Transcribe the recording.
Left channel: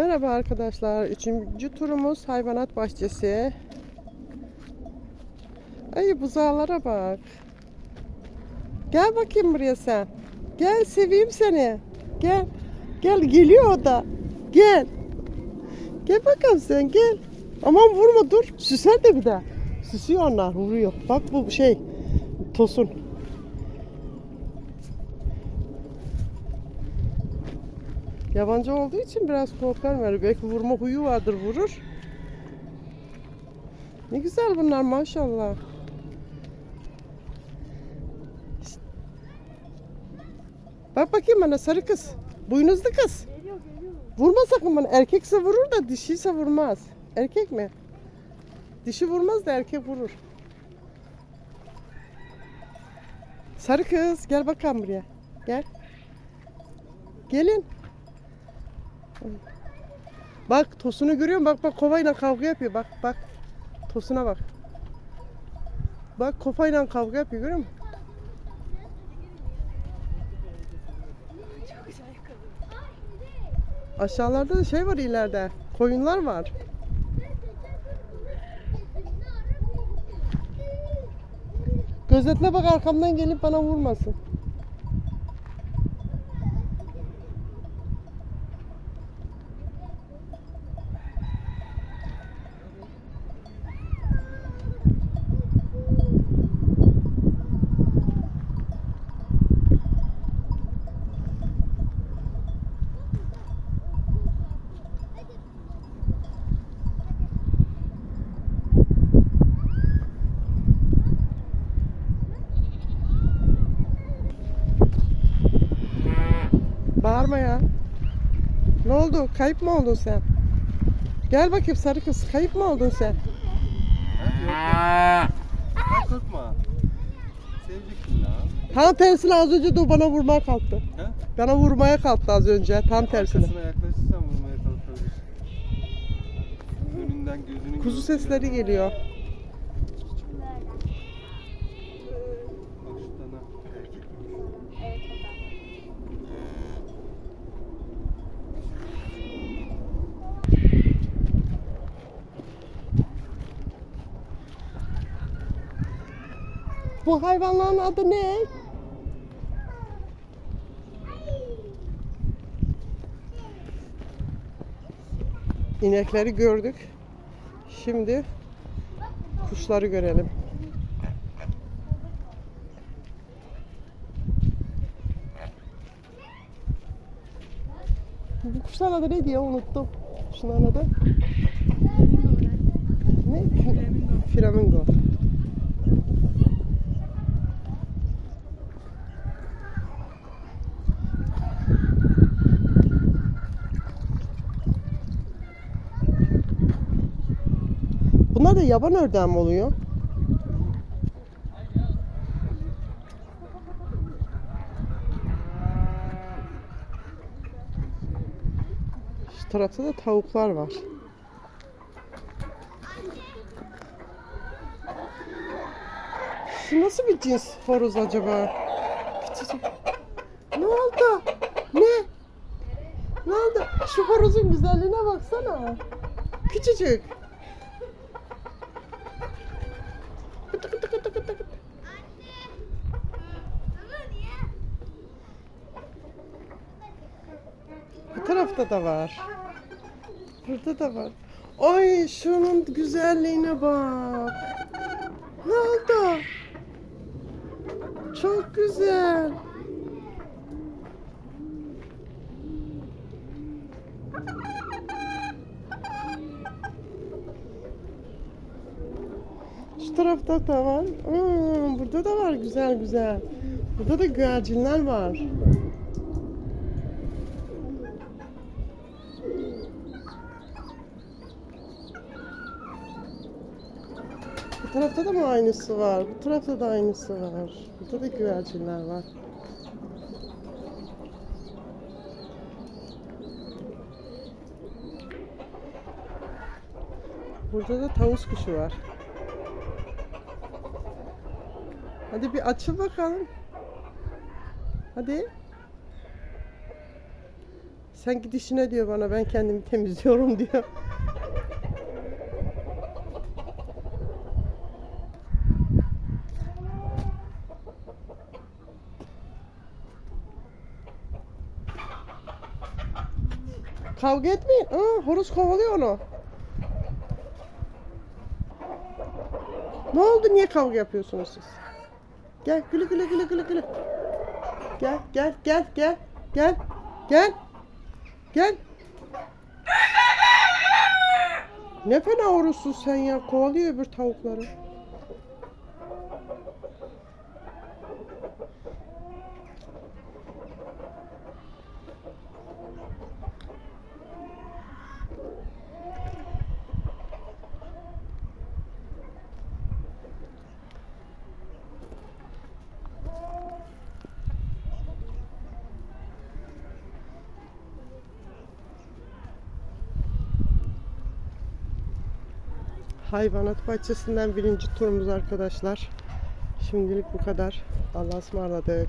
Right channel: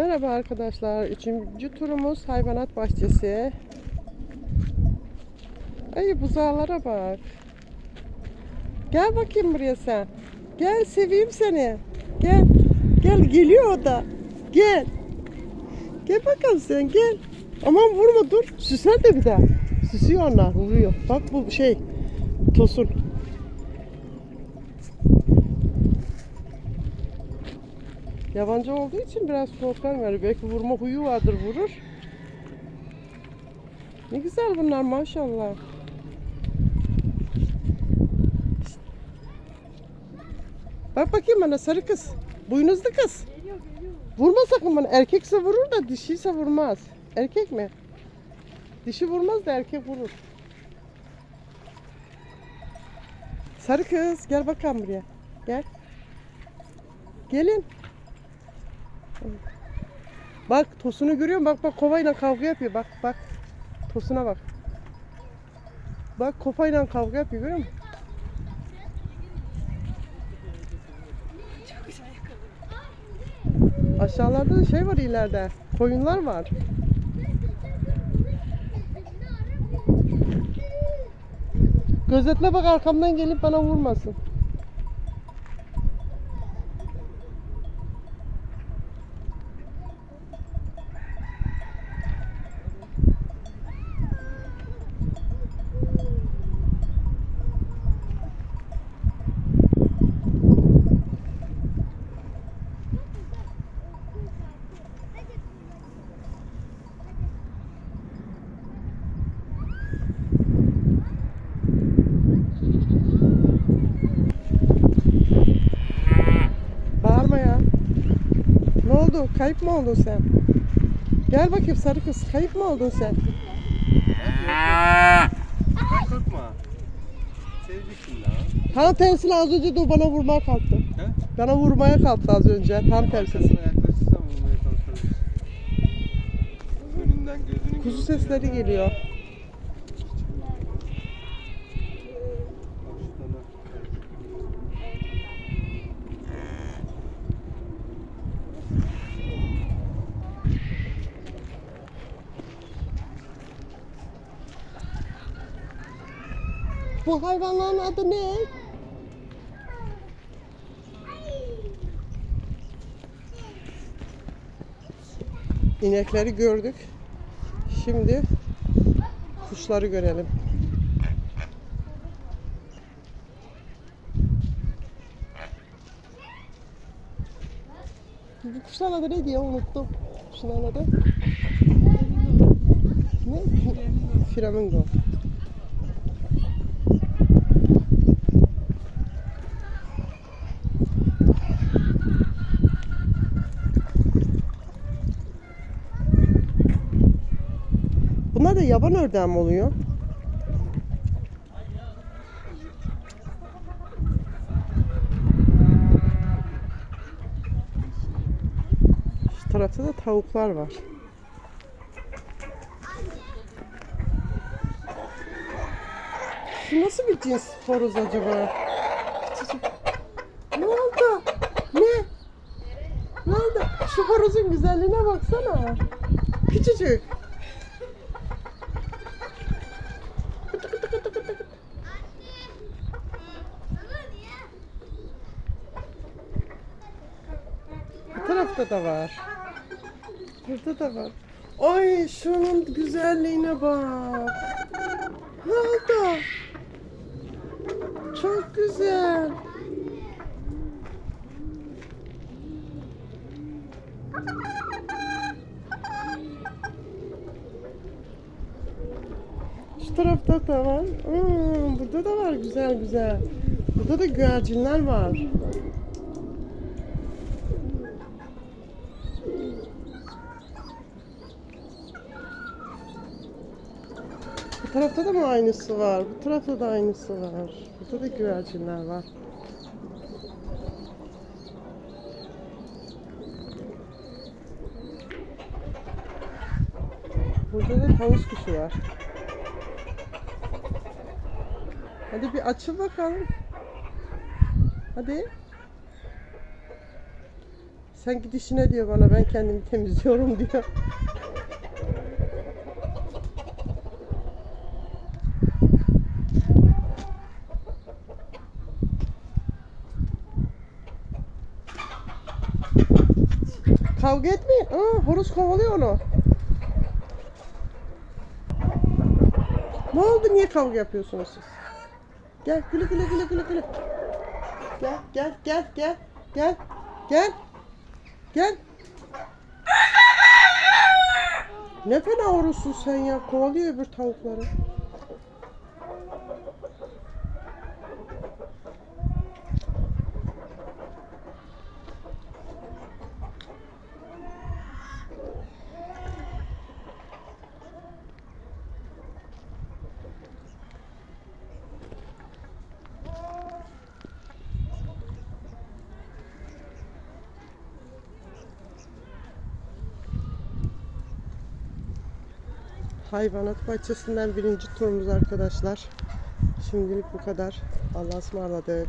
Merhaba arkadaşlar. Üçüncü turumuz hayvanat bahçesi. Ay buzağlara bak. Gel bakayım buraya sen. Gel seveyim seni. Gel. Gel geliyor o da. Gel. Gel bakalım sen gel. Aman vurma dur. Süser de bir daha. Süsüyor onlar vuruyor. Bak bu şey. Tosun. Yabancı olduğu için biraz korkarım yani. Belki vurma huyu vardır vurur. Ne güzel bunlar maşallah. Bak bakayım bana sarı kız. Boynuzlu kız. Vurma sakın bana. Erkekse vurur da dişiyse vurmaz. Erkek mi? Dişi vurmaz da erkek vurur. Sarı kız gel bakalım buraya. Gel. Gelin. Bak tosunu görüyor musun? Bak bak kovayla kavga yapıyor. Bak bak. Tosuna bak. Bak kopayla kavga yapıyor görüyor musun? Aşağılarda da şey var ileride. Koyunlar var. Gözetle bak arkamdan gelip bana vurmasın. Bağırma ya. Ne oldu? Kayıp mı oldun sen? Gel bakayım sarı kız. Kayıp mı oldun sen? Seveceksin lan. Tam tersine az önce de bana vurmaya kalktı. He? Bana vurmaya kalktı az önce. Tam tersine. Kuzu sesleri geliyor. Bak şuradan bak. Bu hayvanların adı ne? İnekleri gördük. Şimdi kuşları görelim. Bu kuşların adı ne diye unuttum. Kuşların adı. Ne? Flamingo. Bunlar da yaban ördeği mi oluyor? Şu tarafta da tavuklar var. Şu nasıl bir cins horoz acaba? Ne oldu? Ne? Ne oldu? Şu horozun güzelliğine baksana. Küçücük. Kıtı kıtı kıtı kıtı. Bu tarafta da var. Burada da var. Ay şunun güzelliğine bak. Ne oldu? Çok güzel. Şu tarafta da var. Hmm, burada da var güzel güzel. Burada da güvercinler var. Bu tarafta da mı aynısı var? Bu tarafta da aynısı var. Burada da güvercinler var. Burada da tavus kuşu var. Hadi bir açıl bakalım. Hadi. Sen git işine diyor bana ben kendimi temizliyorum diyor. Kavga etmeyin. Aa, horoz kovalıyor onu. Ne oldu? Niye kavga yapıyorsunuz siz? Gel gülü gülü gülü gülü gülü. Gel gel gel gel gel gel gel. Ne fena horozsun sen ya. Kovalıyor öbür tavukları. Hayvanat bahçesinden birinci turumuz arkadaşlar. Şimdilik bu kadar. Allah'a ısmarladık.